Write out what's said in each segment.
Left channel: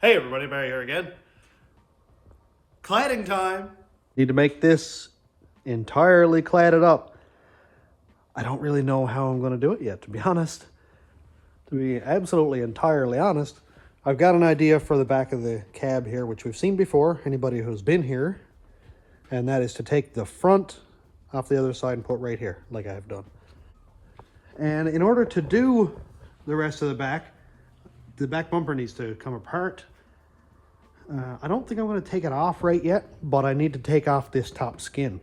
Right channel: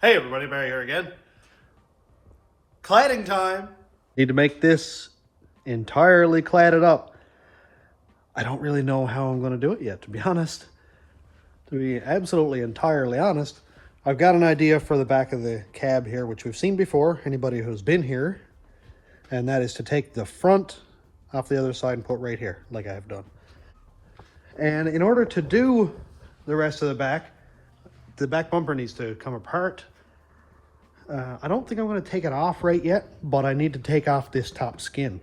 Hey everybody, Barry here again. Cladding time. Need to make this entirely cladded up. I don't really know how I'm going to do it yet, to be honest. To be absolutely entirely honest, I've got an idea for the back of the cab here, which we've seen before, anybody who's been here, and that is to take the front off the other side and put right here, like I have done. And in order to do the rest of the back bumper needs to come apart. I don't think I'm going to take it off right yet, but I need to take off this top skin.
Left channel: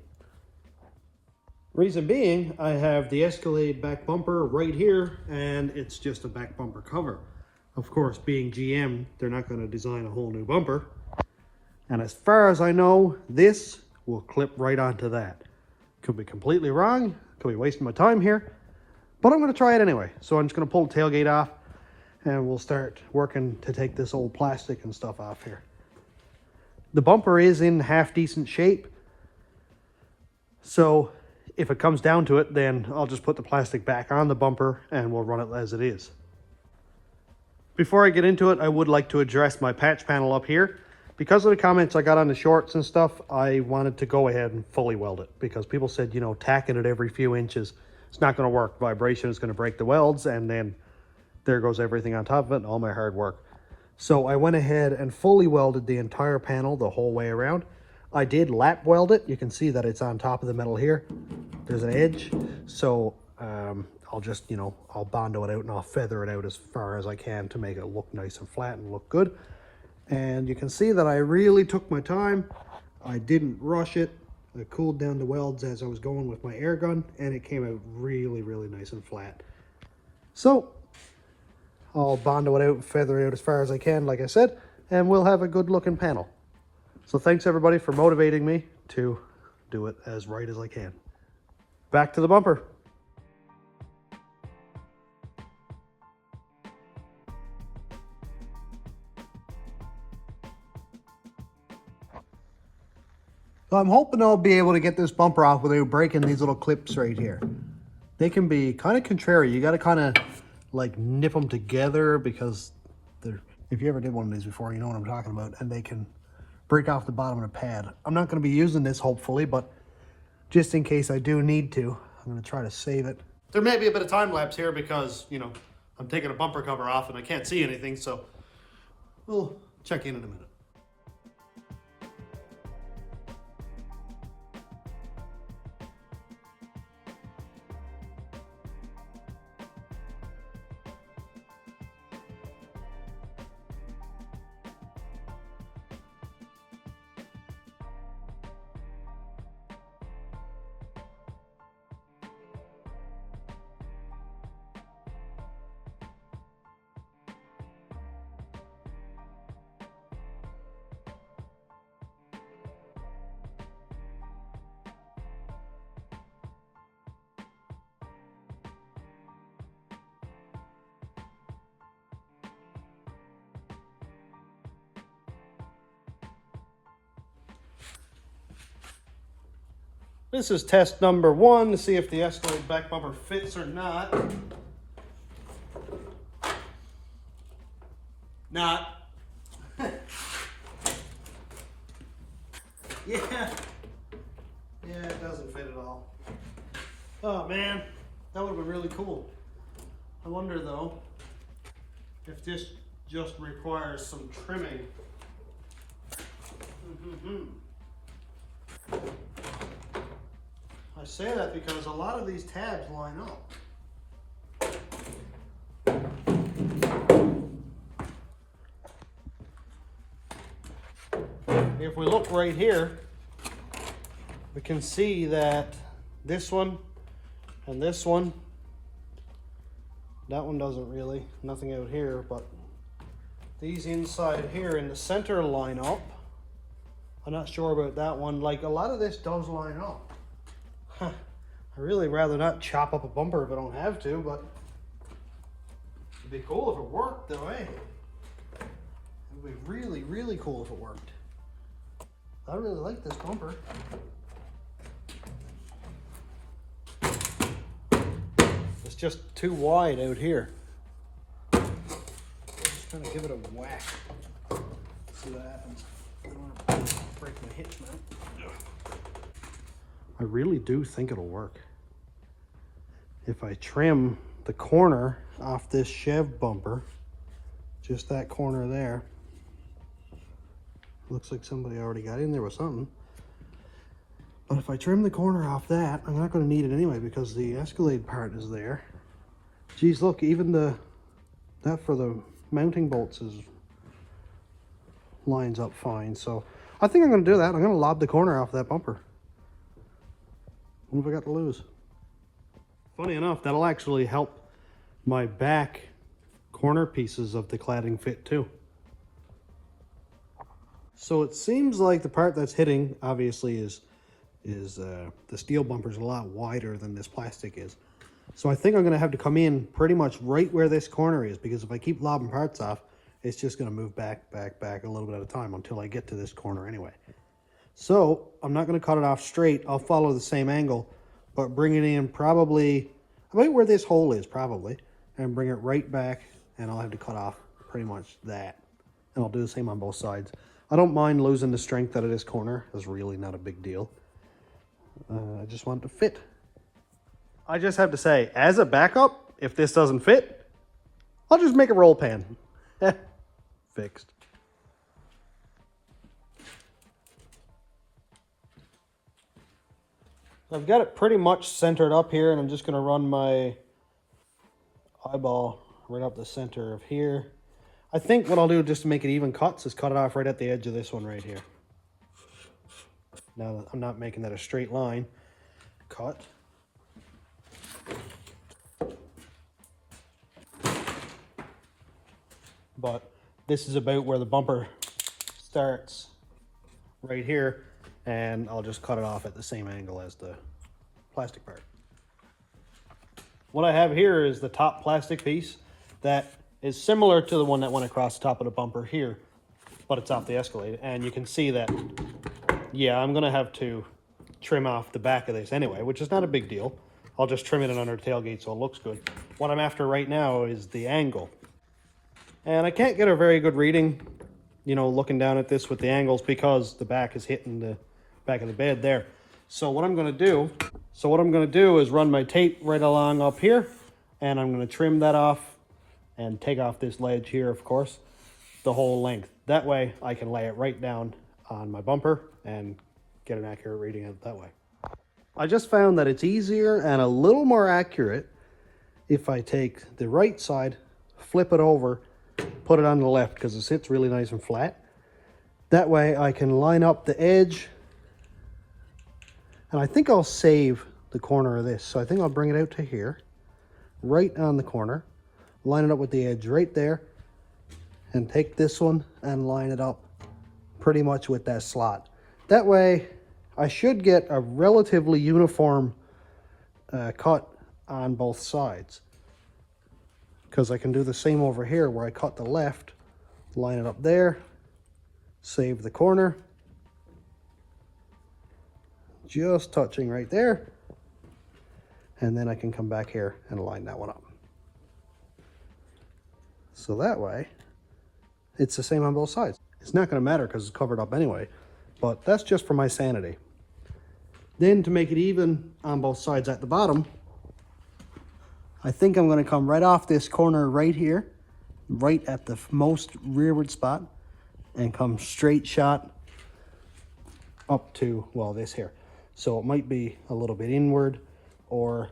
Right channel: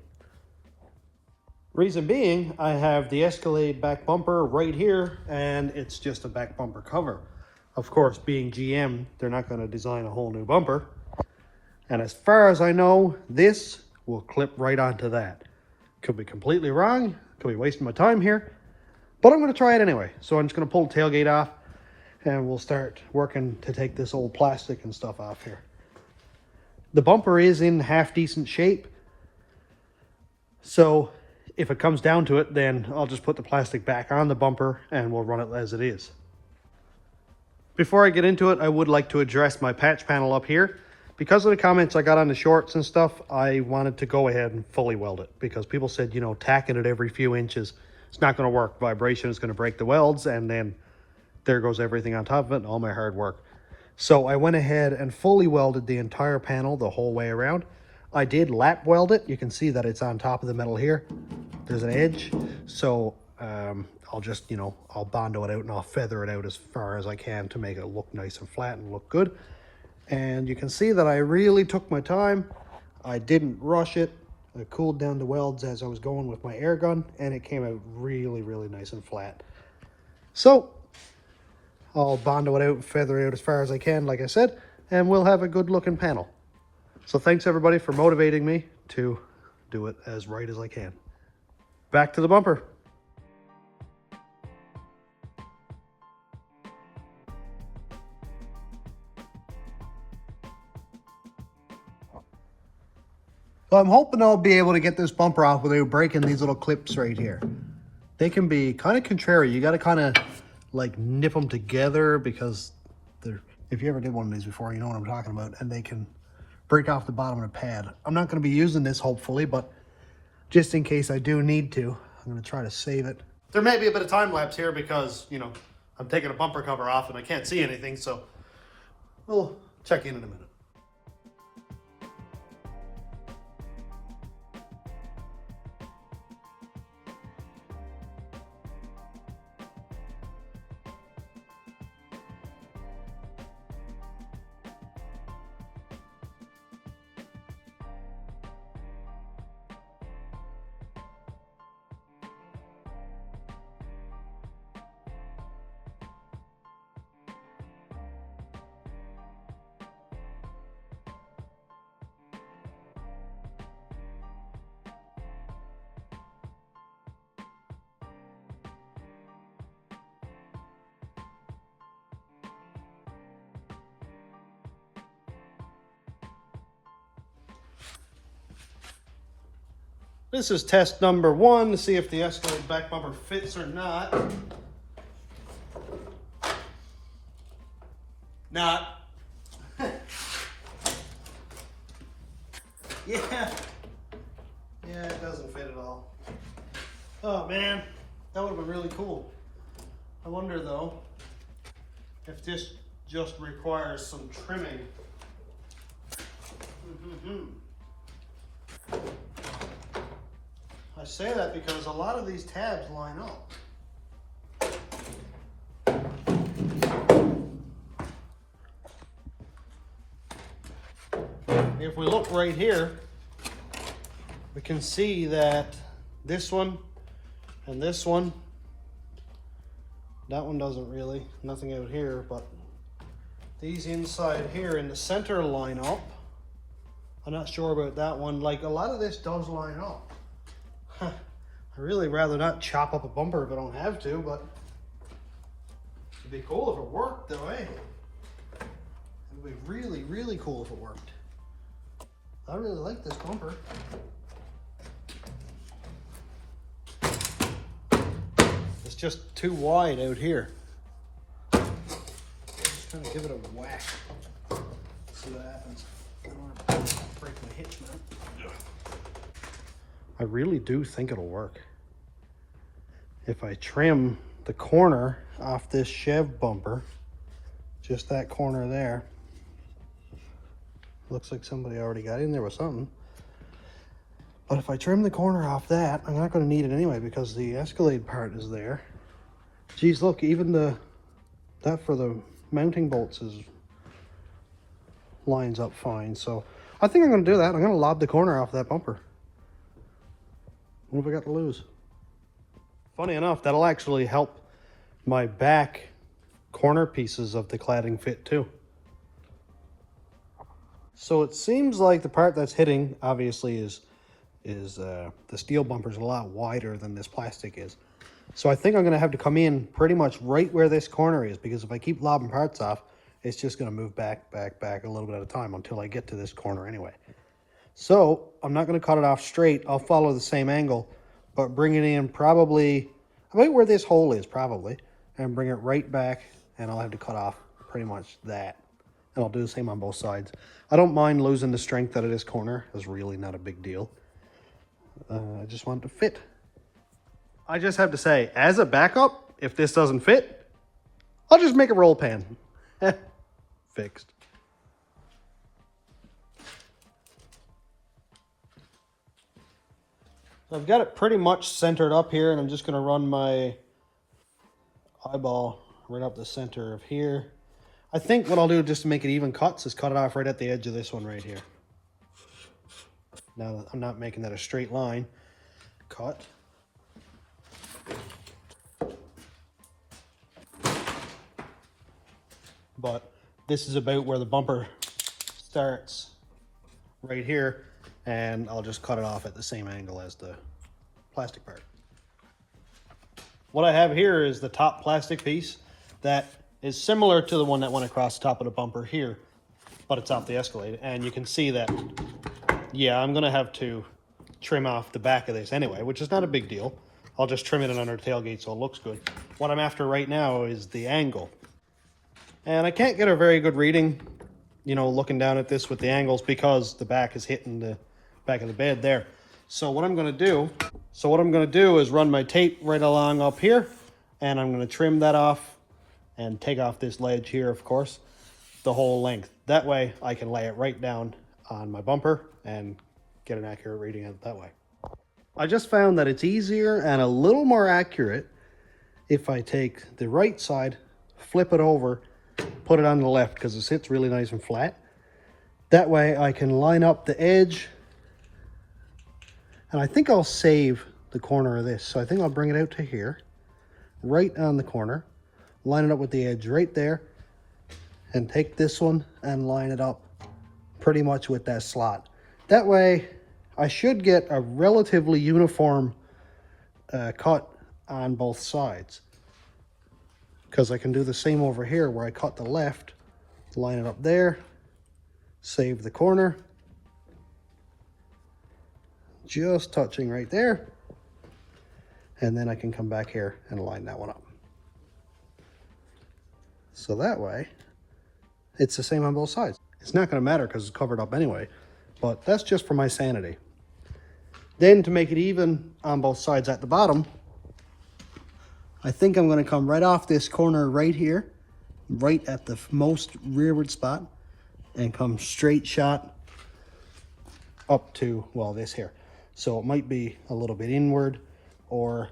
Reason being, I have the Escalade back bumper right here, and it's just a back bumper cover. Of course, being GM, they're not going to design a whole new bumper. And as far as I know, this will clip right onto that. Could be completely wrong, could be wasting my time here, but I'm going to try it anyway. So I'm just going to pull the tailgate off, and we'll start working to take this old plastic and stuff off here. The bumper is in half decent shape, so if it comes down to it, then I'll just put the plastic back on the bumper and we'll run it as it is. Before I get into it, I would like to address my patch panel up here. Because of the comments I got on the shorts and stuff, I wanted to go ahead and fully weld it, because people said, you know, tacking it every few inches, it's not going to work. Vibration is going to break the welds, and then there goes everything on top of it and all my hard work. So I went ahead and fully welded the entire panel the whole way around. I did lap weld it. You can see that it's on top of the metal here. There's an edge. So I'll just, you know, I'll bondo it out and I'll feather it out as far as I can to make it look nice and flat and look good. And you can see that I really took my time. I didn't rush it. I cooled down the welds as I was going with my air gun, and it came out really, really nice and flat. So I'll bondo it out and feather it out as far as I can, like I said, and we'll have a good looking panel. So thanks everybody for motivating me to do it as right as I can. Back to the bumper. So I'm hoping I'll be able to get this bumper off without breaking these little clips right here. They can be kind of contrary. You got to kind of like nip them together, because they're, if you ever did one of these before, you know what I'm talking about, and they can break off the bottom of the pad. I'm not going to be using this, hopefully, but just in case I do need to, I'm going to try to save it. There may be a bit of time lapse here because, you know, I'm taking a bumper cover off and I can't see anything, so we'll check in a minute. This is test number 1 to see if the Escalade back bumper fits or not. Not. Yeah, it doesn't fit at all. Oh man, that would have been really cool. I wonder though if this just requires some trimming. I say that because a lot of these tabs line up. If we look right here, we can see that this one and this one, that one doesn't really, nothing out here, but these inside here in the center line up. I'm not sure about that one. Like, a lot of this does line up. I'd really rather not chop up a bumper if I don't have to, but it'd be cool if it worked though, eh? It'd be really, really cool if it worked. I really like this bumper. It's just too wide out here. Just trying to give it a whack. I really do think it'll work. If I trim the corner off this Chev bumper, just that corner there, looks like somebody already got in there with something. But if I trim the corner off that, I'm not going to need it anyway because the Escalade part is there. Geez, look, even that for the mounting bolts lines up fine. So I think I'm going to do that. I'm going to lob the corner off that bumper. What have I got to lose? Funny enough, that'll actually help my back corner pieces of the cladding fit too. So it seems like the part that's hitting obviously is the steel bumper's a lot wider than this plastic is. So I think I'm going to have to come in pretty much right where this corner is, because if I keep lobbing parts off, it's just going to move back a little bit at a time until I get to this corner anyway. So I'm not going to cut it off straight. I'll follow the same angle, but bring it in probably about where this hole is probably, and bring it right back, and I'll have to cut off pretty much that. And I'll do the same on both sides. I don't mind losing the strength out of this corner. It's really not a big deal. I just want it to fit. I just have to say, as a backup, if this doesn't fit, I'll just make a roll pan. Fixed. So I've got it pretty much centered up here, and I'm just going to run my eyeball right up the center of here. I think what I'll do just to make it even cuts is cut it off right at the edge of this one right here. Now I'm not making that a straight line. Cut. But this is about where the bumper starts right here, and I'll just cut it off at the same angle as the plastic part. What I have here is the top plastic piece that is similar to the one that went across the top of the bumper here, but it's off the Escalade, and you can see that, yeah, I'm gonna have to trim off the back of this anyway, which is not a big deal. I'll just trim it in under the tailgate so it looks good. What I'm after right now is the angle. And I can't get a very good reading, you know, looking down at this with the angles, because the back is hitting the back of the bed there. So what I'm gonna do is run my tape right along up here, and I'm gonna trim that off and take off this ledge here, of course, the whole length. That way I can lay it right down on my bumper and get an accurate reading of it that way. I just found that it's easier and a little more accurate if I take the right side, flip it over, put it on the left, because it sits really nice and flat. That way I can line up the edge, and I think I'll save the corner of this. So I think I'll bring it out to here, right on the corner, line it up with the edge right there, and take this one and line it up pretty much with that slot. That way I should get a relatively uniform cut on both sides, because I can do the same over here where I cut the left, line it up there, save the corner, just touching right there, and then I can come back here and line that one up. So that way it's the same on both sides. It's not going to matter because it's covered up anyway, but that's just for my sanity. Then to make it even on both sides at the bottom, I think I'm going to come right off this corner right here, right at the most rearward spot, and come straight shot up to, well, this here. So it might be a little bit inward, or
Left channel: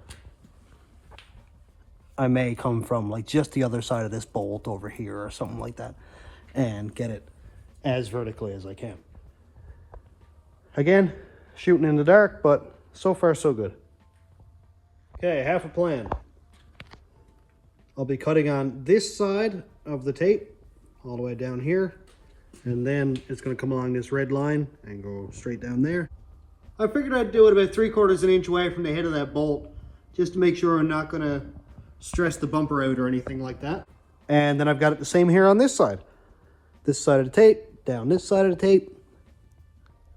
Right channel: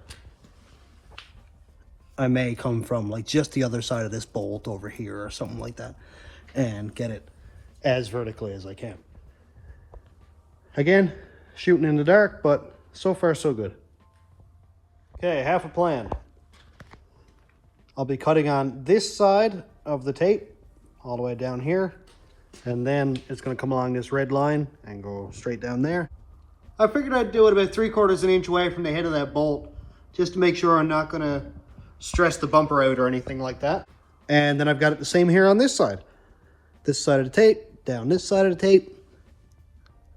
I may come from like just the other side of this bolt over here or something like that, and get it as vertically as I can. Again, shooting in the dark, but so far so good. Okay, half a plan. I'll be cutting on this side of the tape all the way down here, and then it's going to come along this red line and go straight down there. I figured I'd do it about 3/4 inch away from the head of that bolt, just to make sure I'm not going to stress the bumper out or anything like that. And then I've got it the same here on this side of the tape, down this side of the tape,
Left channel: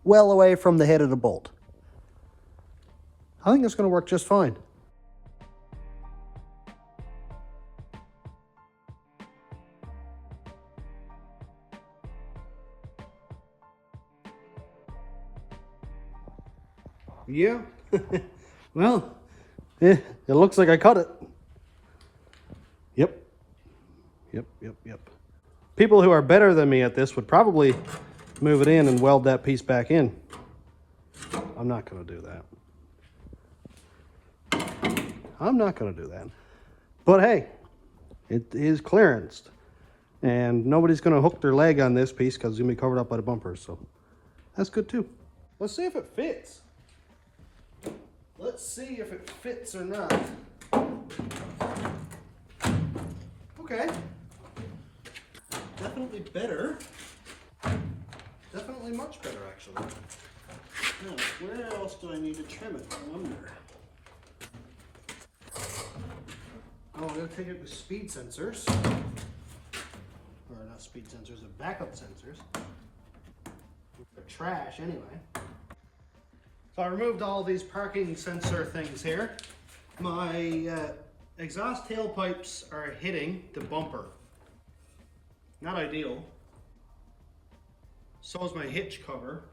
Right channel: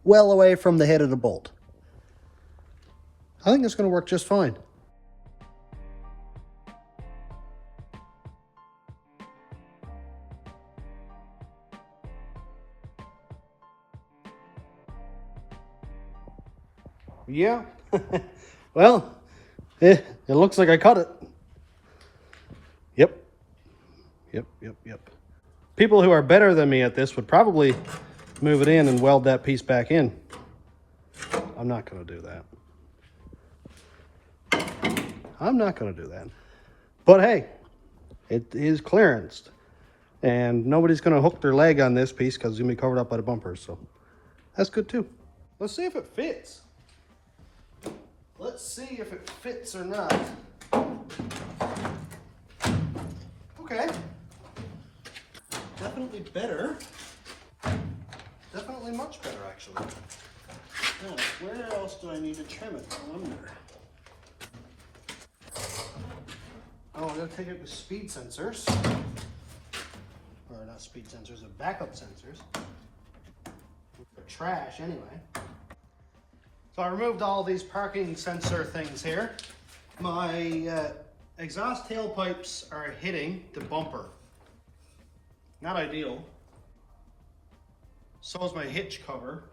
well away from the head of the bolt. I think it's going to work just fine. Yeah, Well, it looks like I cut it. Yep. Yep. People who are better than me at this would probably move it in and weld that piece back in. I'm not going to do that. I'm not going to do that. But hey, it is clearanced. And nobody's going to hook their leg on this piece because it's going to be covered up by the bumpers. So that's good too. Let's see if it fits. Let's see if it fits or not. Okay. Definitely better. Definitely much better, actually. Now, where else do I need to trim it? Under. Oh, I gotta take it with speed sensors. Or not speed sensors, but backup sensors. They're trash anyway. So I removed all these parking sensor things here. My exhaust tailpipes are hitting the bumper. Not ideal. So is my hitch cover.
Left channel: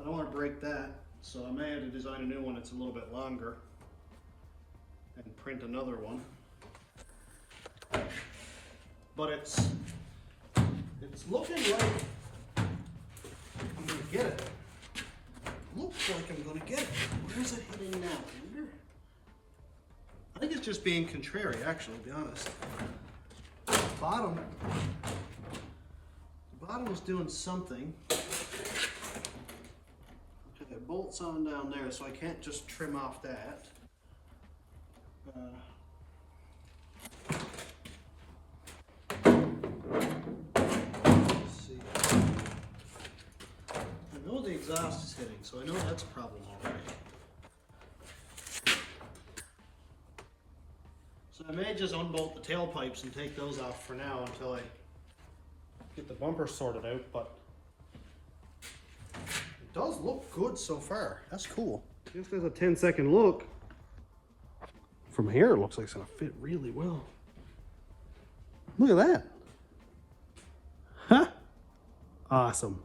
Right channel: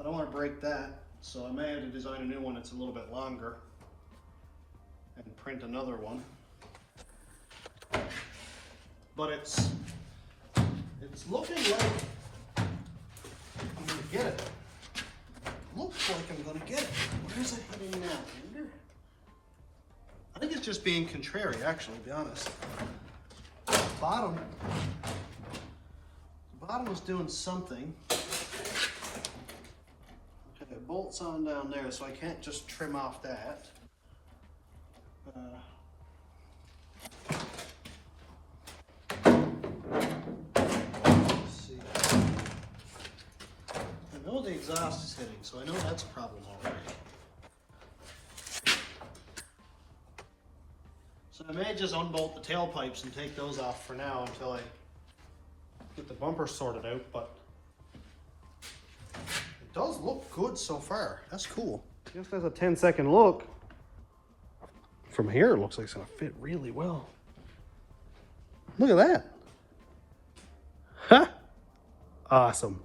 I don't want to break that, so I may have to design a new one that's a little bit longer and print another one. But it's looking like I'm going to get it. Looks like I'm going to get it. Where's it hitting now? I think it's just being contrary, actually, to be honest. The bottom is doing something. Okay, it bolts on down there, so I can't just trim off that. Let's see. I know the exhaust is hitting, so I know that's a problem already. So I may just unbolt the tailpipes and take those off for now until I get the bumper sorted out, but it does look good so far. That's cool. Just as a 10-second look, from here it looks like it's gonna fit really well. Look at that. Ha! Awesome.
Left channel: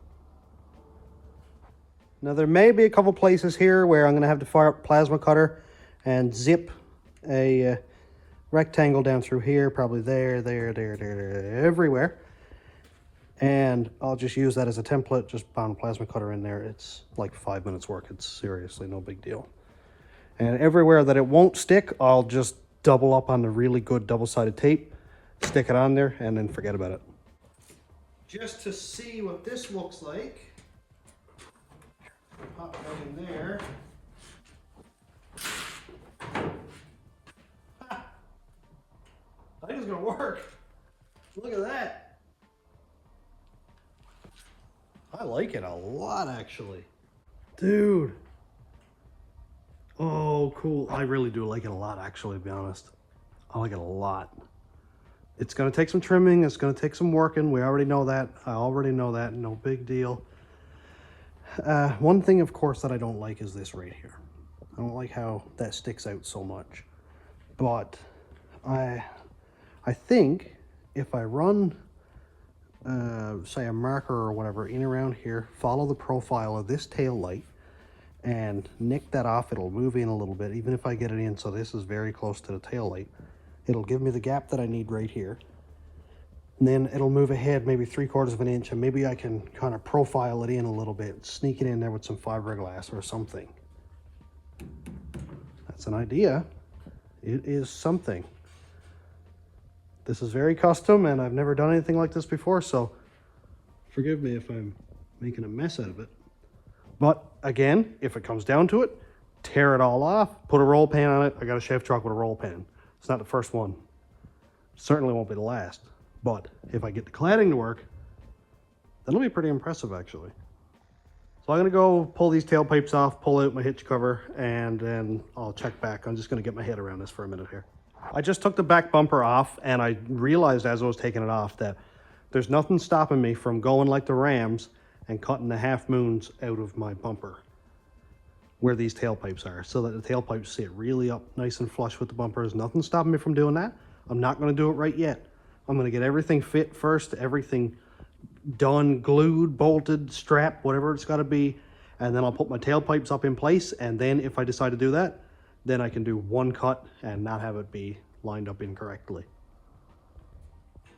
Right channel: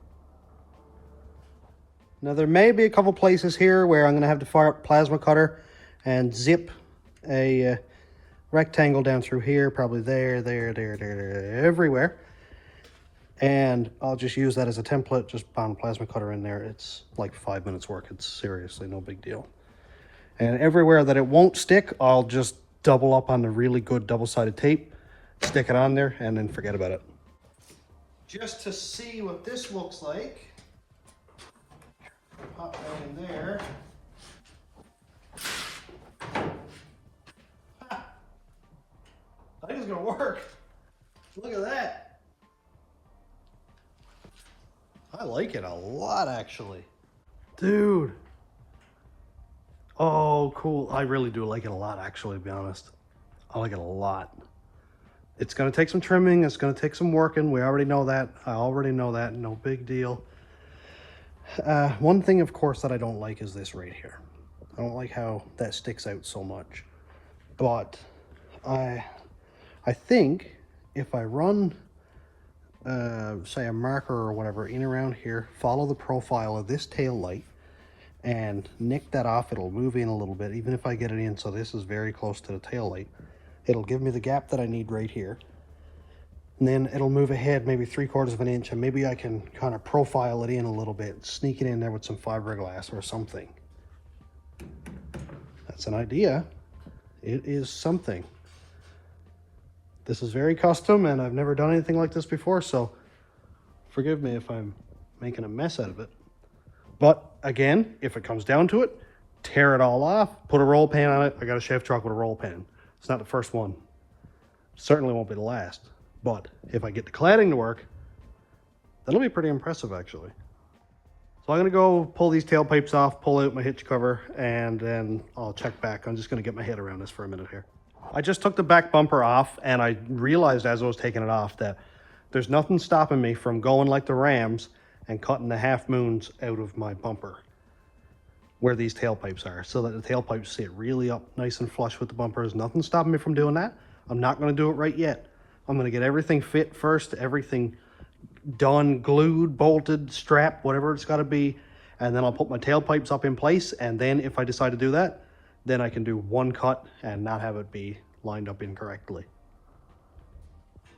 Now there may be a couple places here where I'm gonna have to fire up plasma cutter and zip a rectangle down through here, probably there, everywhere. And I'll just use that as a template, just pound a plasma cutter in there. It's like 5 minutes work. It's seriously no big deal. And everywhere that it won't stick, I'll just double up on the really good double-sided tape, stick it on there, and then forget about it. Just to see what this looks like, pop that in there. Ha! I think it's gonna work. Look at that. I like it a lot, actually. Dude. Oh, cool. I really do like it a lot, actually, to be honest. I like it a lot. It's going to take some trimming. It's going to take some working. We already know that. I already know that. No big deal. One thing, of course, that I don't like is this right here. I don't like how that sticks out so much. But I think if I run say a marker or whatever in around here, follow the profile of this tail light and nick that off, it'll move in a little bit, even if I get it in so this is very close to the tail light. It'll give me the gap that I need right here, and then it'll move ahead maybe 3/4 of an inch, and maybe I can kind of profile it in a little bit, sneak it in there with some fiberglass or something. That's an idea. It is something. This is very custom, and I've never done anything like this before, so forgive me if I'm making a mess out of it. But again, if it comes down to it, tear it all off, put a roll pan on it. I got a Chevy truck with a roll pan. It's not the first one. Certainly won't be the last. But if I get the cladding to work, that'll be pretty impressive, actually. So I'm gonna go pull these tailpipes off, pull out my hitch cover, and then I'll check back. I'm just gonna get my head around this for a minute here. I just took the back bumper off, and I realized as I was taking it off that there's nothing stopping me from going like the Rams and cutting the half moons out of my bumper where these tailpipes are, so that the tailpipes sit really up nice and flush with the bumpers. Nothing stopping me from doing that. I'm not going to do it right yet. I'm going to get everything fit first, everything done, glued, bolted, strapped, whatever it's got to be, and then I'll put my tailpipes up in place, and then if I decide to do that, then I can do one cut and not have it be lined up incorrectly.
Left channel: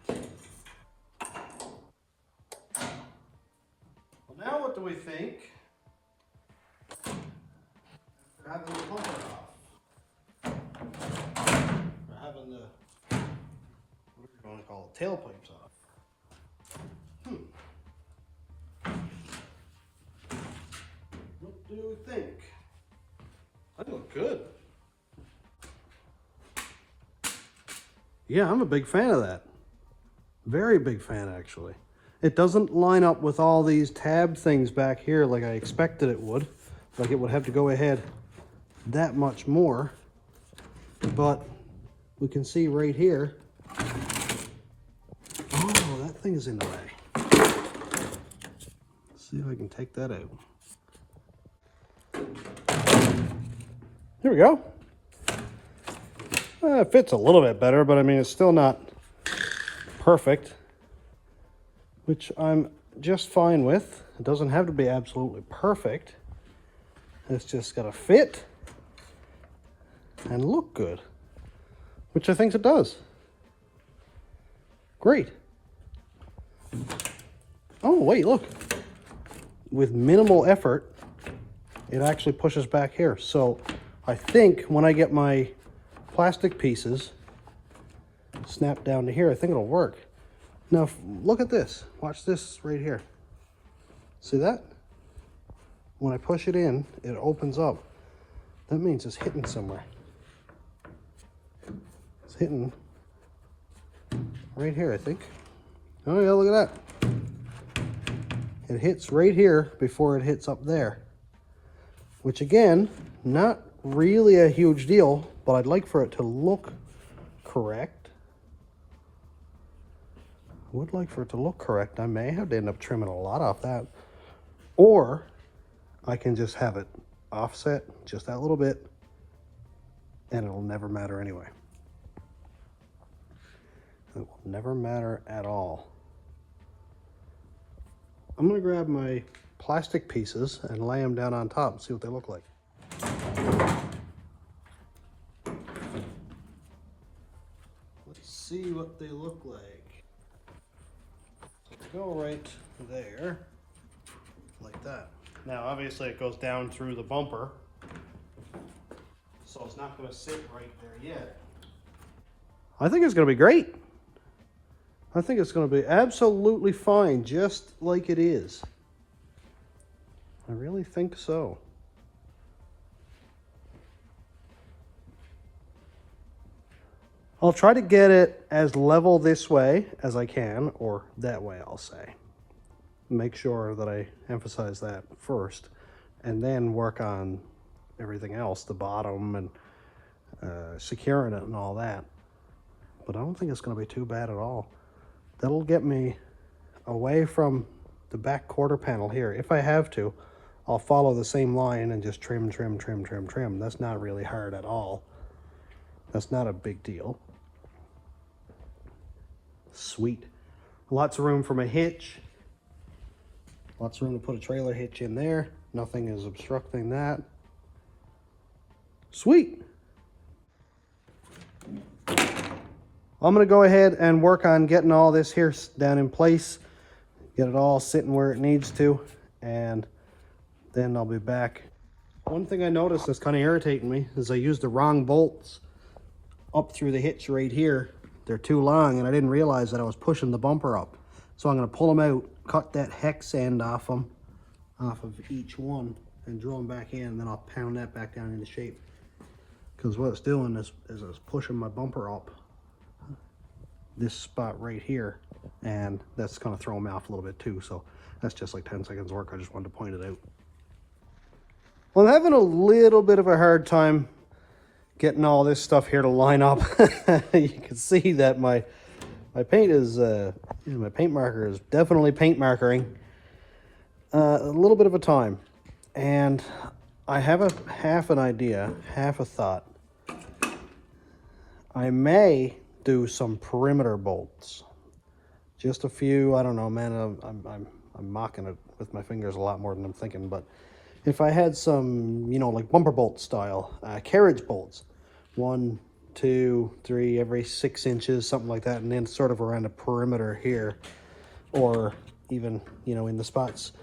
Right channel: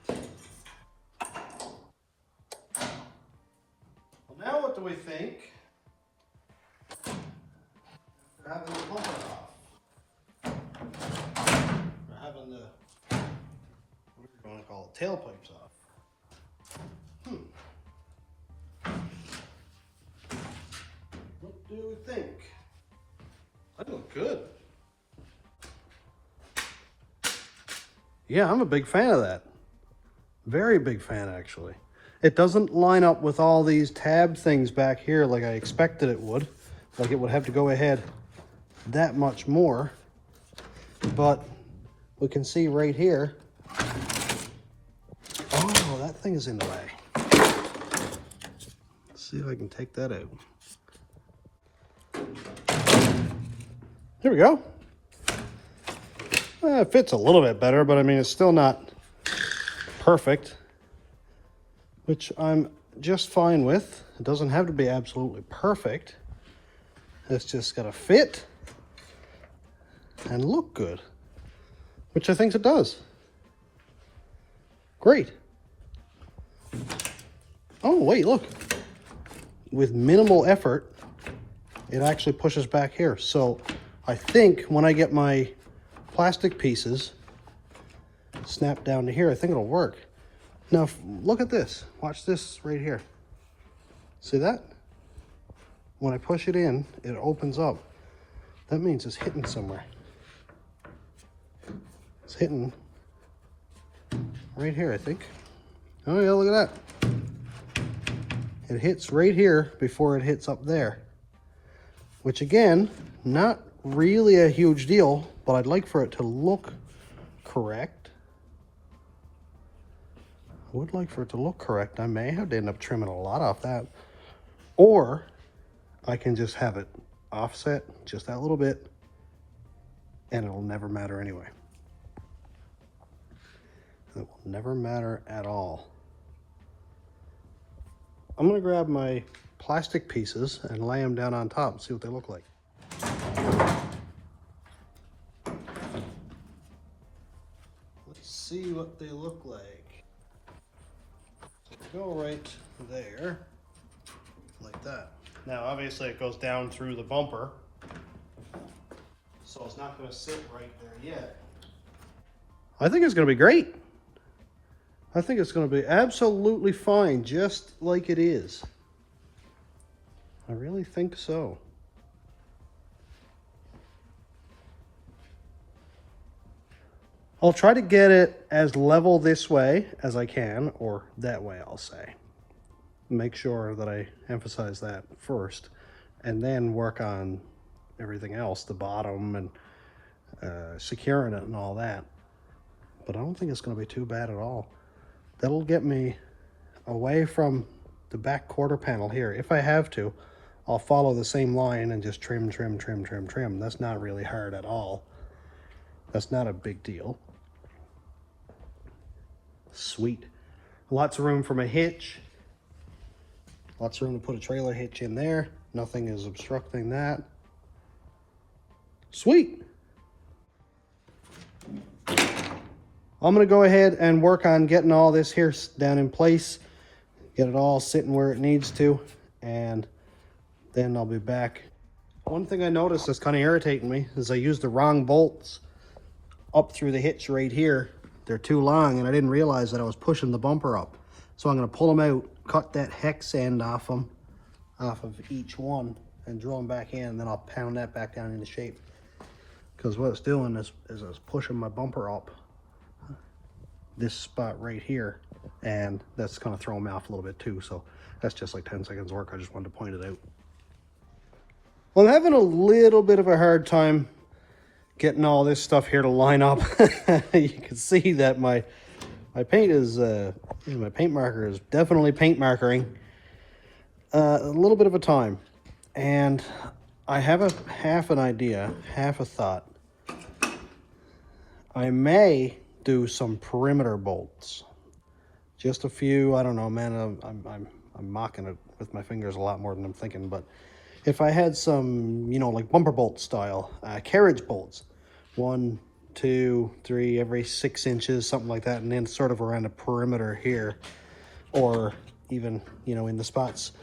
Well, now what do we think? We're having the bumper off. We're having the, what do you want to call it, tailpipes off. What do we think? That looks good. Yeah, I'm a big fan of that. Very big fan, actually. It doesn't line up with all these tab things back here like I expected it would. Like it would have to go ahead that much more. But we can see right here. Oh, that thing is in the way. Let's see if I can take that out. Here we go. It fits a little bit better, but I mean, it's still not perfect, which I'm just fine with. It doesn't have to be absolutely perfect. It's just got to fit and look good, which I think it does. Great. Oh, wait, look. With minimal effort, it actually pushes back here. So I think when I get my plastic pieces snapped down to here, I think it'll work. Now, look at this. Watch this right here. See that? When I push it in, it opens up. That means it's hitting somewhere. It's hitting right here, I think. Oh yeah, look at that. It hits right here before it hits up there. Which again, not really a huge deal, but I'd like for it to look correct. I would like for it to look correct. I may have to end up trimming a lot off that. Or I can just have it offset just that little bit and it'll never matter anyway. It will never matter at all. I'm gonna grab my plastic pieces and lay them down on top and see what they look like. Let's see what they look like. So go right there, like that. Now obviously it goes down through the bumper, so it's not going to sit right there yet. I think it's going to be great. I think it's going to be absolutely fine, just like it is. I really think so. I'll try to get it as level this way as I can, or that way I'll say. Make sure that I emphasize that first, and then work on everything else, the bottom and securing it and all that. But I don't think it's going to be too bad at all. That'll get me away from the back quarter panel here. If I have to, I'll follow the same line and just trim, trim, trim, trim, trim. That's not really hard at all. That's not a big deal. Sweet. Lots of room for my hitch. Lots of room to put a trailer hitch in there. Nothing is obstructing that. Sweet. I'm going to go ahead and work on getting all this here down in place. Get it all sitting where it needs to. And then I'll be back. One thing I noticed that's kind of irritating me is I used the wrong bolts up through the hitch right here. They're too long and I didn't realize that I was pushing the bumper up. So I'm going to pull them out, cut that hex end off of each one and drill them back in, and then I'll pound that back down into shape. Because what it's doing is it's pushing my bumper up this spot right here, and that's kind of throwing me off a little bit too. So that's just like 10 seconds work. I just wanted to point it out. Well, I'm having a little bit of a hard time getting all this stuff here to line up. You can see that my paint is my paint marker is definitely paint markering. A little bit of a time, and I have half an idea, half a thought. I may do some perimeter bolts, just a few. I don't know, man. I'm mocking it with my fingers a lot more than I'm thinking, but If I had some, you know, like bumper bolt style, carriage bolts, 1, 2, 3, every 6 inches, something like that, and then sort of around the perimeter here, or even, you know, in the spots,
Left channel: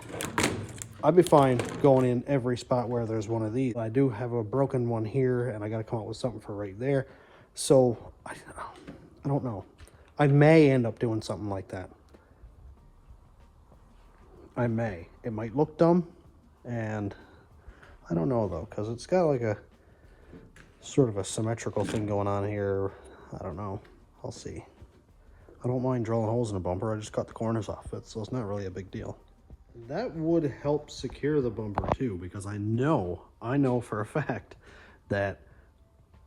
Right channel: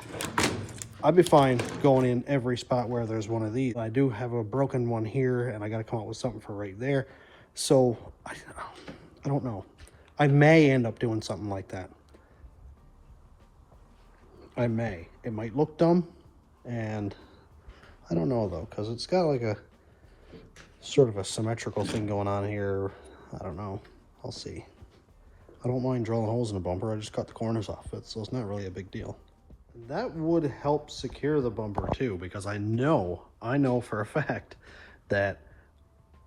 I'd be fine going in every spot where there's one of these. I do have a broken one here, and I got to come up with something for right there. So I don't know. I may end up doing something like that. I may. It might look dumb, and I don't know though, because it's got like a sort of a symmetrical thing going on here. I don't know. I'll see. I don't mind drilling holes in the bumper. I just cut the corners off it, so it's not really a big deal. That would help secure the bumper too, because I know for a fact that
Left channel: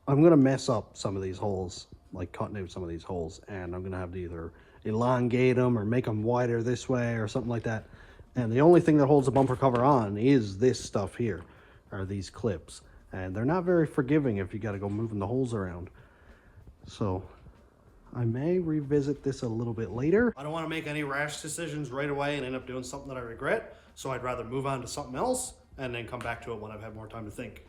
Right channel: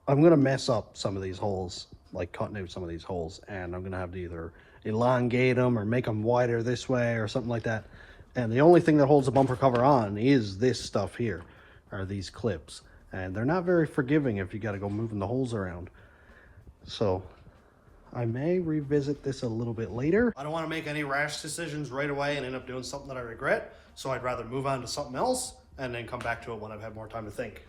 I'm gonna mess up some of these holes, like cutting out some of these holes, and I'm gonna have to either elongate them or make them wider this way or something like that. And the only thing that holds the bumper cover on is this stuff here, or these clips. And they're not very forgiving if you got to go moving the holes around. So I may revisit this a little bit later. I don't want to make any rash decisions right away and end up doing something that I regret. So I'd rather move on to something else and then come back to it when I've had more time to think.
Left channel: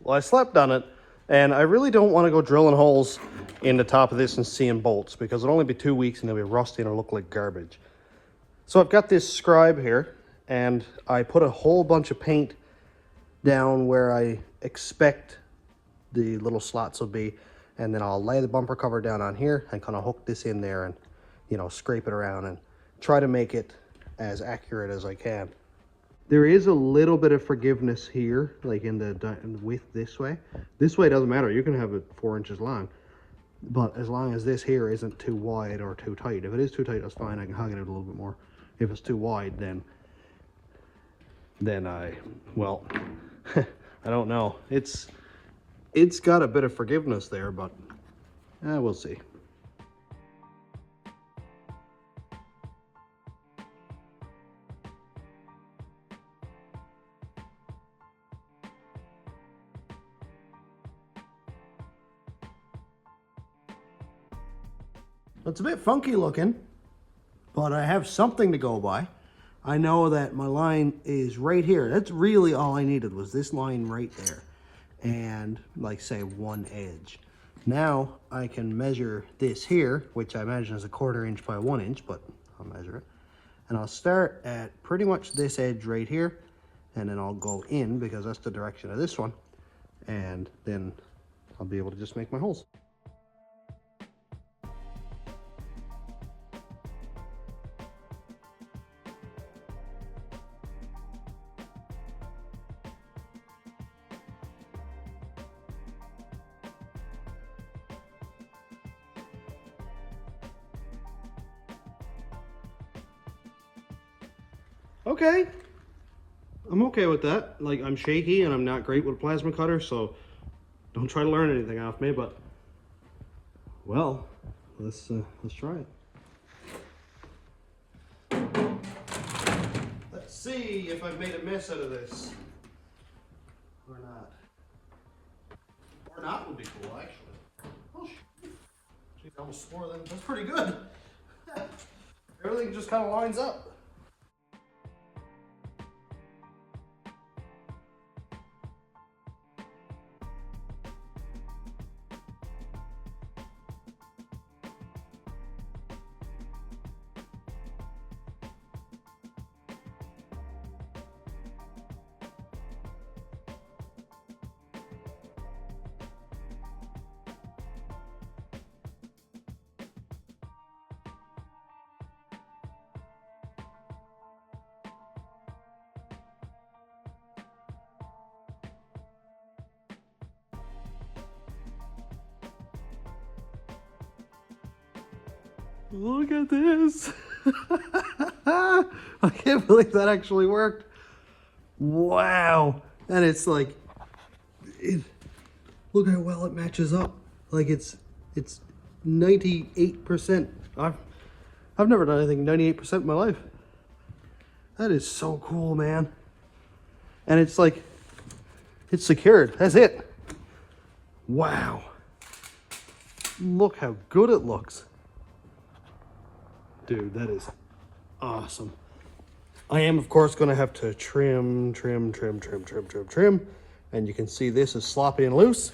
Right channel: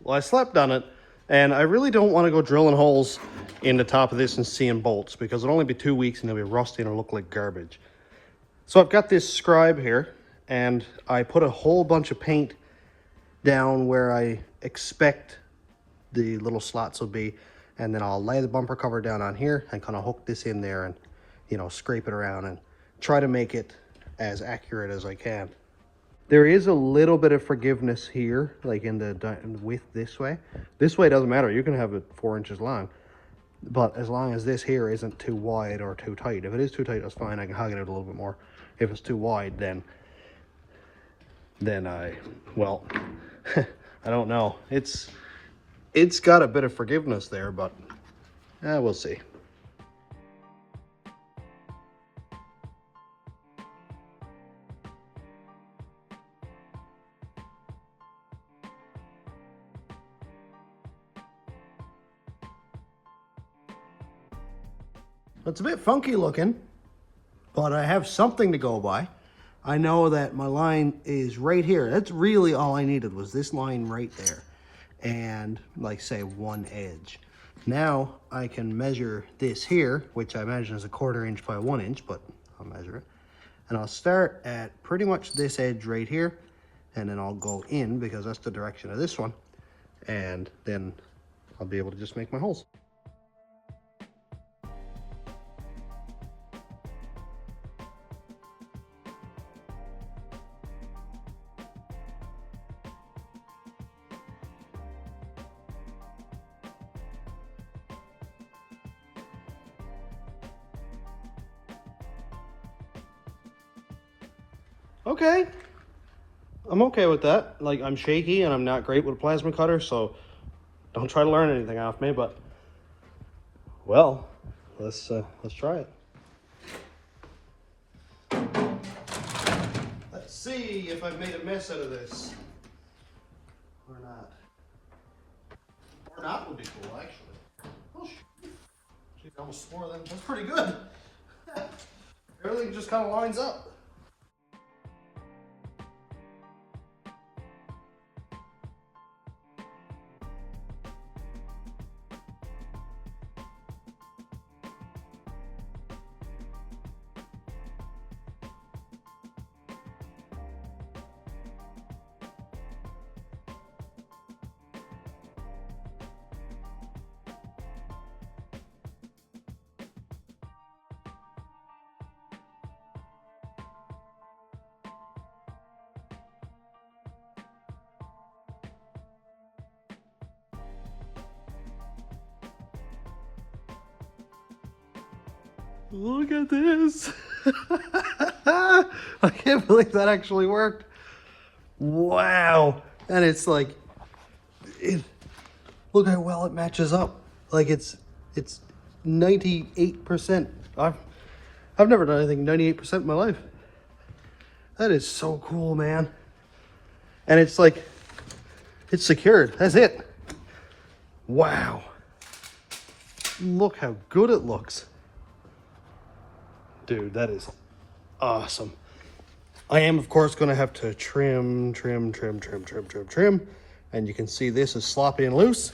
Well, I slept on it, and I really don't want to go drilling holes in the top of this and seeing bolts, because it'll only be 2 weeks and they'll be rusty and it'll look like garbage. So I've got this scribe here, and I put a whole bunch of paint down where I expect the little slots will be, and then I'll lay the bumper cover down on here and kind of hook this in there and, you know, scrape it around and try to make it as accurate as I can. There is a little bit of forgiveness here, like in the width this way. This way doesn't matter. You can have it 4 inches long, but as long as this here isn't too wide or too tight. If it is too tight, that's fine. I can hug it out a little bit more. If it's too wide, then well, I don't know. It's got a bit of forgiveness there, but we'll see. It's a bit funky looking, but I have something to go by. I know that my line is right here. That's really all I needed, was this line right there. And like say one edge. Now I can measure this here, which I imagine is a 1/4 inch by 1 inch, but I'll measure it. And I'll start at pretty much this edge right here, and then I'll go in because that's the direction of this one. And then I'll be able to just make my holes. Okay, I'm okay with that. Like, I'm shaky and I'm not great with a plasma cutter, so don't try to learn anything off me, but well, let's try it. Let's see if I've made a mess out of this or not. Or not would be cool, actually. Oh, geez, I almost swore that. That's pretty good. Everything just kind of lines up. Look at this. I can't believe that actually worked. Wow. And it's like, look how well it matches up. Like it's 98%. I've never done anything 98% in my life. That is so cool, man. And it's like, it's secured. That's it. Wow. Look how good it looks. Dude, that is awesome. I am, of course, going to have to trim. And you can see this is sloppy and loose.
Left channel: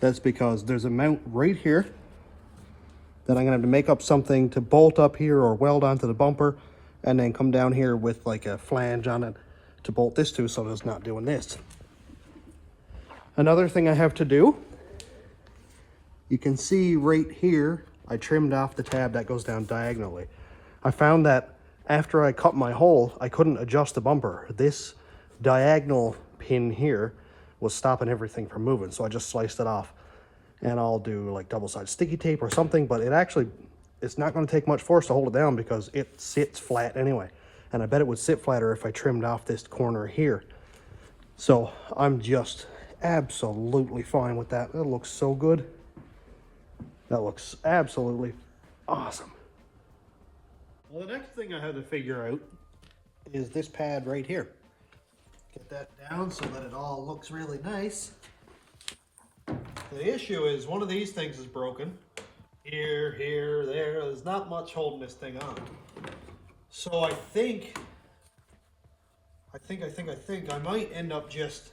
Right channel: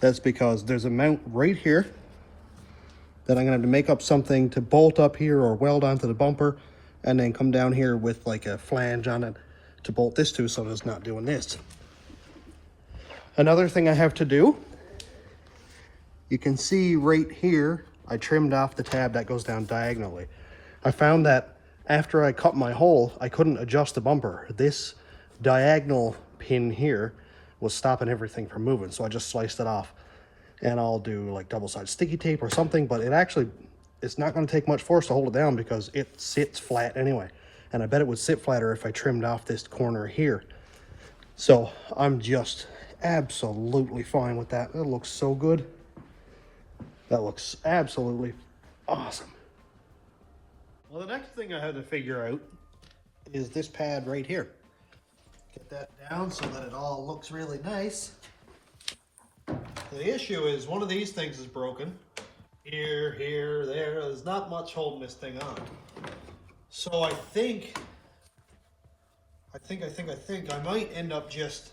That's because there's a mount right here that I'm going to have to make up something to bolt up here or weld onto the bumper, and then come down here with like a flange on it to bolt this to, so it's not doing this. Another thing I have to do, you can see right here, I trimmed off the tab that goes down diagonally. I found that after I cut my hole, I couldn't adjust the bumper. This diagonal pin here was stopping everything from moving, so I just sliced it off. And I'll do like double-sided sticky tape or something, but it's not going to take much force to hold it down because it sits flat anyway. And I bet it would sit flatter if I trimmed off this corner here. So I'm just absolutely fine with that. It looks so good. That looks absolutely awesome. Well, the next thing I had to figure out is this pad right here. Get that down so that it all looks really nice. The issue is one of these things is broken. Here, there. There's not much holding this thing on. So I think I might end up just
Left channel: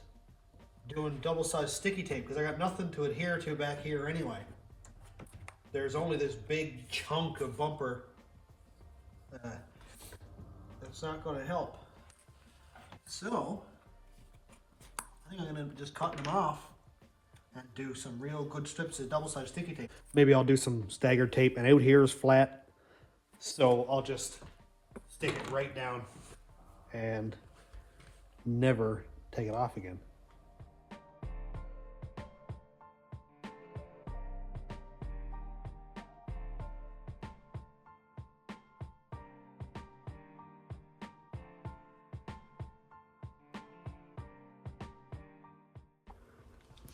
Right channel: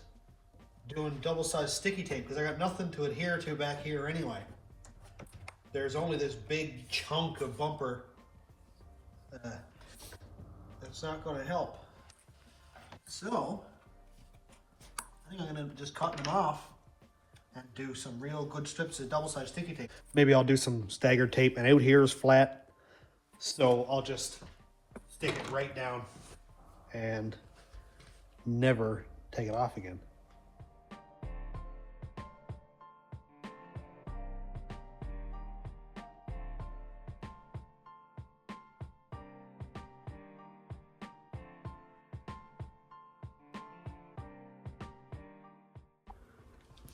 doing double-sided sticky tape because I got nothing to adhere to back here anyway. There's only this big chunk of bumper that's not going to help. So I think I'm going to just cut them off and do some real good strips of double-sided sticky tape. Maybe I'll do some staggered tape, and out here is flat, so I'll just stick it right down and never take it off again.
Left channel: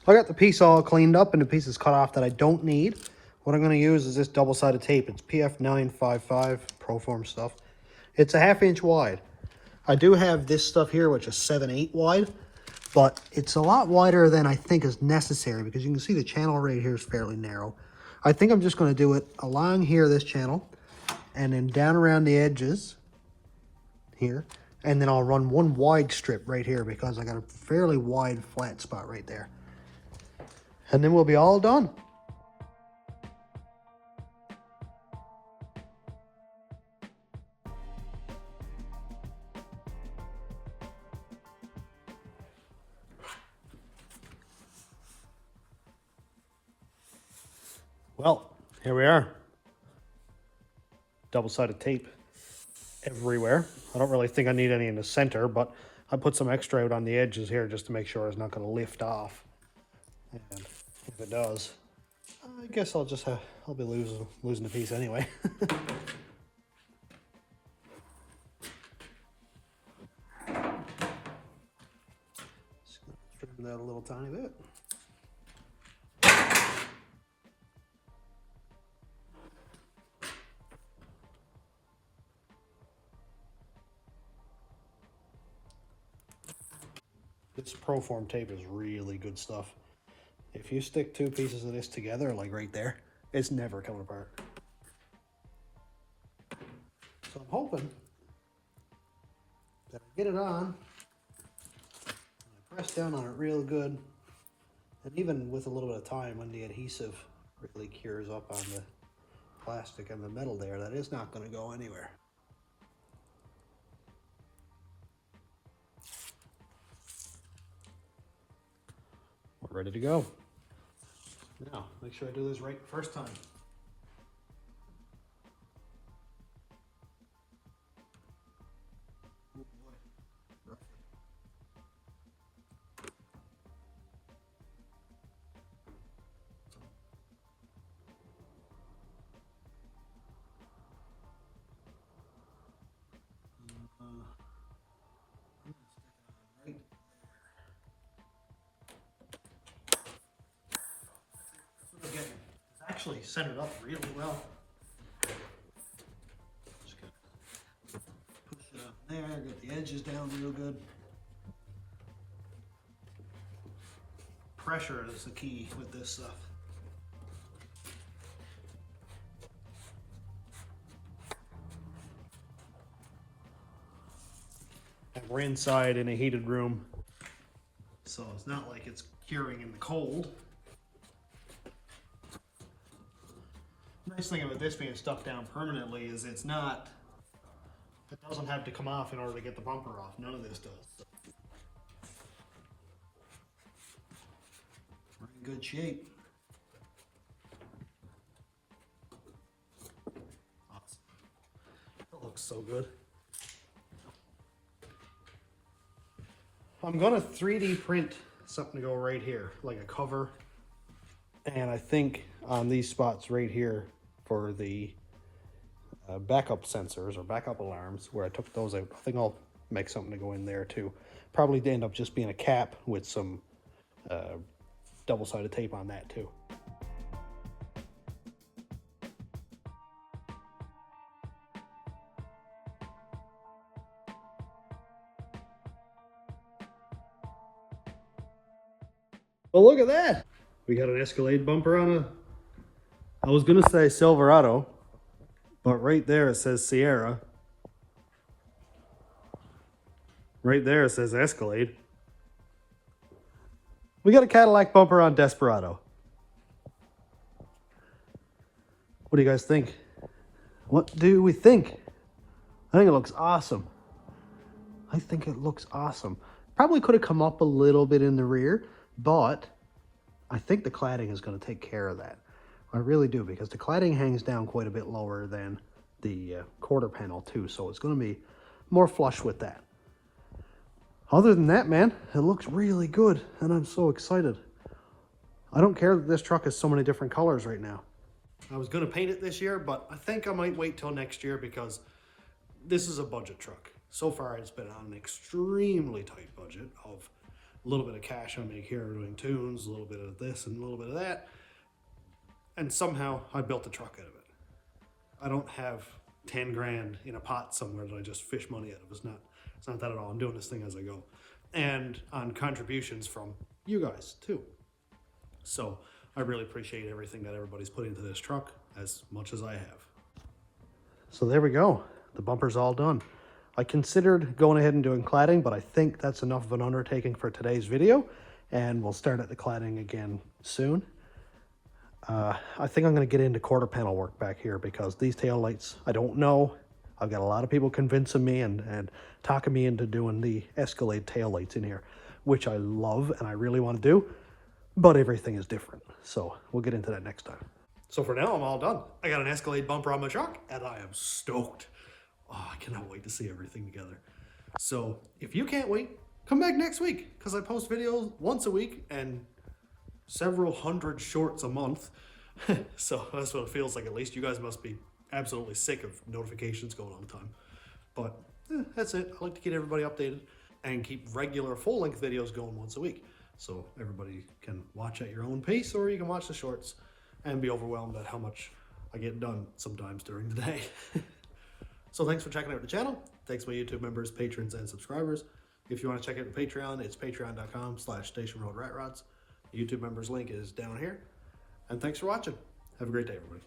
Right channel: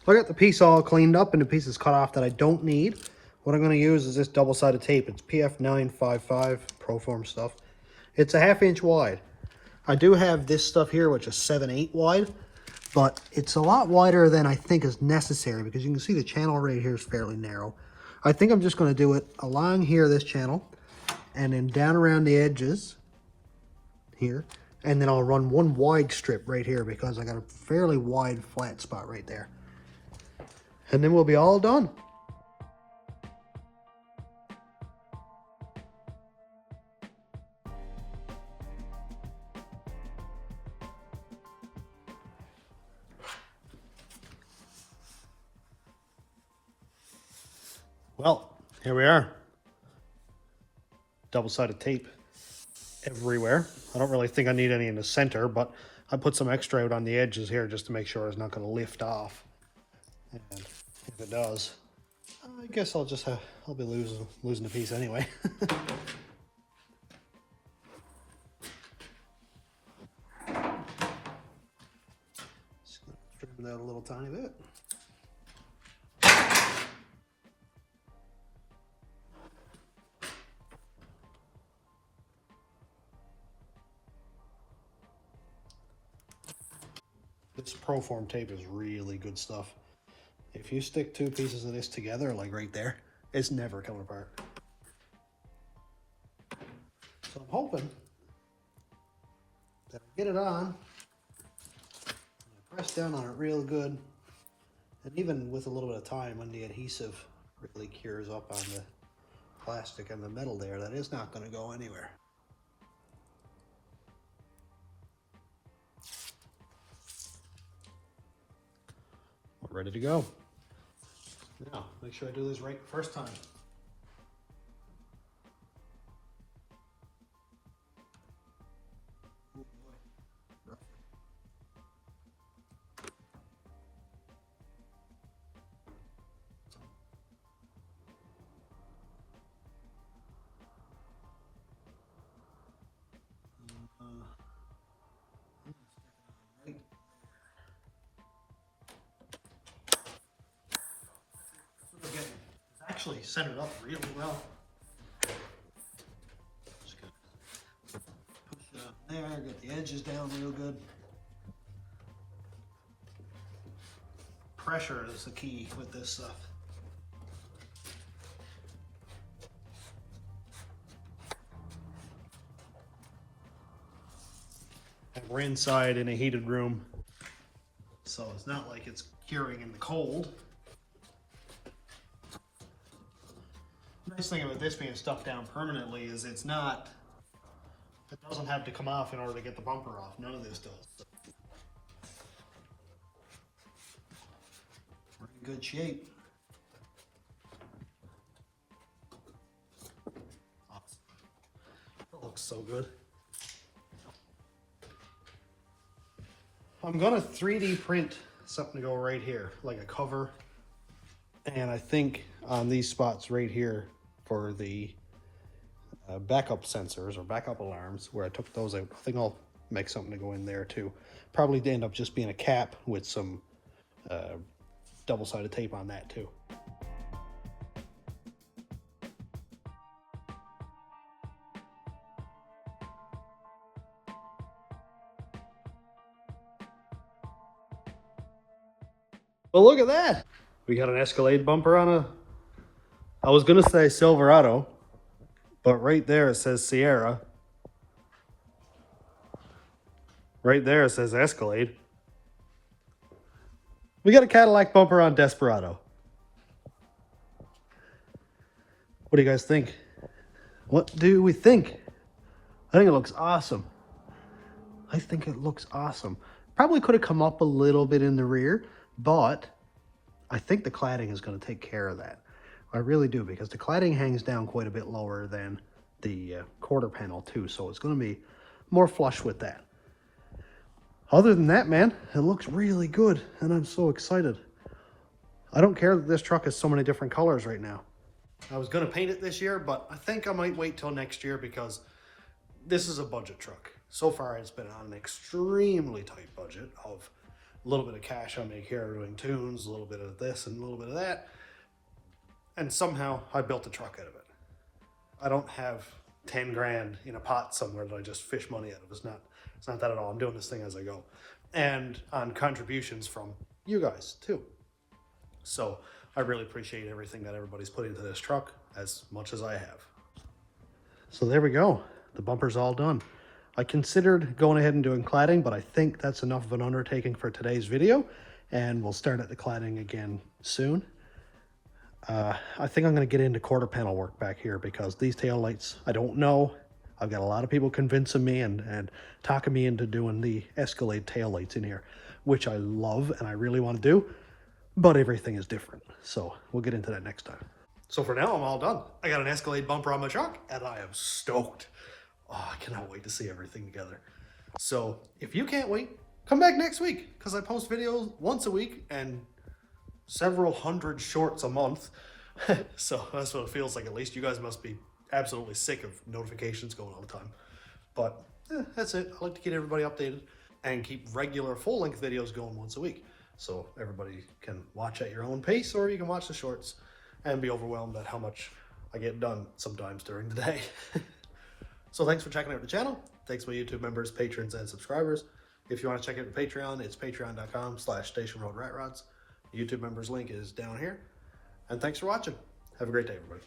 I got the piece all cleaned up and the pieces cut off that I don't need. What I'm going to use is this double-sided tape. It's PF955 Proform stuff. It's a 1/2 inch wide. I do have this stuff here, which is 7/8 wide, but it's a lot wider than I think is necessary because you can see the channel right here is fairly narrow. I think I'm just going to do it along here, this channel, and then down around the edges here, and then I'll run one wide strip right here because I got a fairly wide flat spot right there. And then we'll be all done. Well, here we are. Double-sided tape everywhere. I don't really think I need any in the center, but I put some extra out on the edges here just to make sure it's not going to lift off. And if it does, I guess I'll be losing a piece anyway. Just gonna trim that a little tiny bit. This Proform tape is really good stuff. If you stick 2 pieces of this together, like right there, it's never coming apart. So I'm hoping that I get it on, press down on it real good, and even with a little bit of time when the adhesive really cures up on the plastic and the metal there, that is not going to go anywhere. We're ready to go. Now, make sure I do this right first time. Actually centered up really well. Just gotta push it up there, get the edges down real good. Pressure is the key with this stuff. And we're inside in a heated room, so it's not like it's curing in the cold. Nice thing about this being stuck down permanently is it doesn't have to come off in order to get the bumper off. None of this does. We're in good shape. Awesome. It looks so good. I'm gonna 3D print something to go right here, like a cover. And I think on these spots right here for the backup sensors or backup alarms, where I took those out, I think I'll make something to go in there too. Probably end up just being a cap with some double-sided tape on that too. Well, look at that. We got an Escalade bumper on I was gonna say Silverado, but right there it says Sierra. Right there it says Escalade. We got a Cadillac bumper on Desperado. What do you guys think? What do we think? I think it looks awesome. I think it looks awesome. Probably could have come up a little bit in the rear, but I think the cladding is going to take care of that. I really do, because the cladding hangs down quite a bit lower than the quarter panel too, so it's going to be more flush with that. Other than that, man, it looks really good, and I'm so excited. I don't care that this truck has so many different colors right now. I was going to paint it this year, but I think I might wait till next year, because this is a budget truck. So far, it's been on an extremely tight budget of a little bit of cash on me here doing tunes, a little bit of this and a little bit of that. And somehow I built a truck out of it. I don't have 10 grand in a pot somewhere that I just fish money out of. It's not that at all. I'm doing this thing as I go. And on contributions from you guys too. So I really appreciate everything that everybody's put into this truck, as much as I have. So there we go. The bumper's all done. I considered going ahead and doing cladding, but I think that's enough of an undertaking for today's video, and we'll start at the cladding again soon. I think I'm going to get into quarter panel work back here, because these tail lights, I don't know. I've got a lot of people convincing me and talking me into doing the Escalade tail lights in here, which I love and I really want to do, but everything is different. So we'll get into that next time. So for now, I'm all done. I got an Escalade bumper on my truck, and I am stoked. Oh, I cannot wait to see everything together. So if you can't wait, come back next week, because I post videos once a week and several hundred shorts a month. So that's what it feels like. At least you guys must be absolutely sick of notifications going all the time. But that's it. I like to get everybody updated and keep regular full-length videos going once a week, so everybody can watch at your own pace, or you can watch the shorts and be overwhelmed at how much I get done sometimes during the day. So thanks for checking out the channel. Thanks my YouTube members, patrons, and subscribers. If you want to check out the Patreon, it's patreon.com/stationroadratrods. The YouTube members link is down here. And thanks for watching. Have a great day, everybody.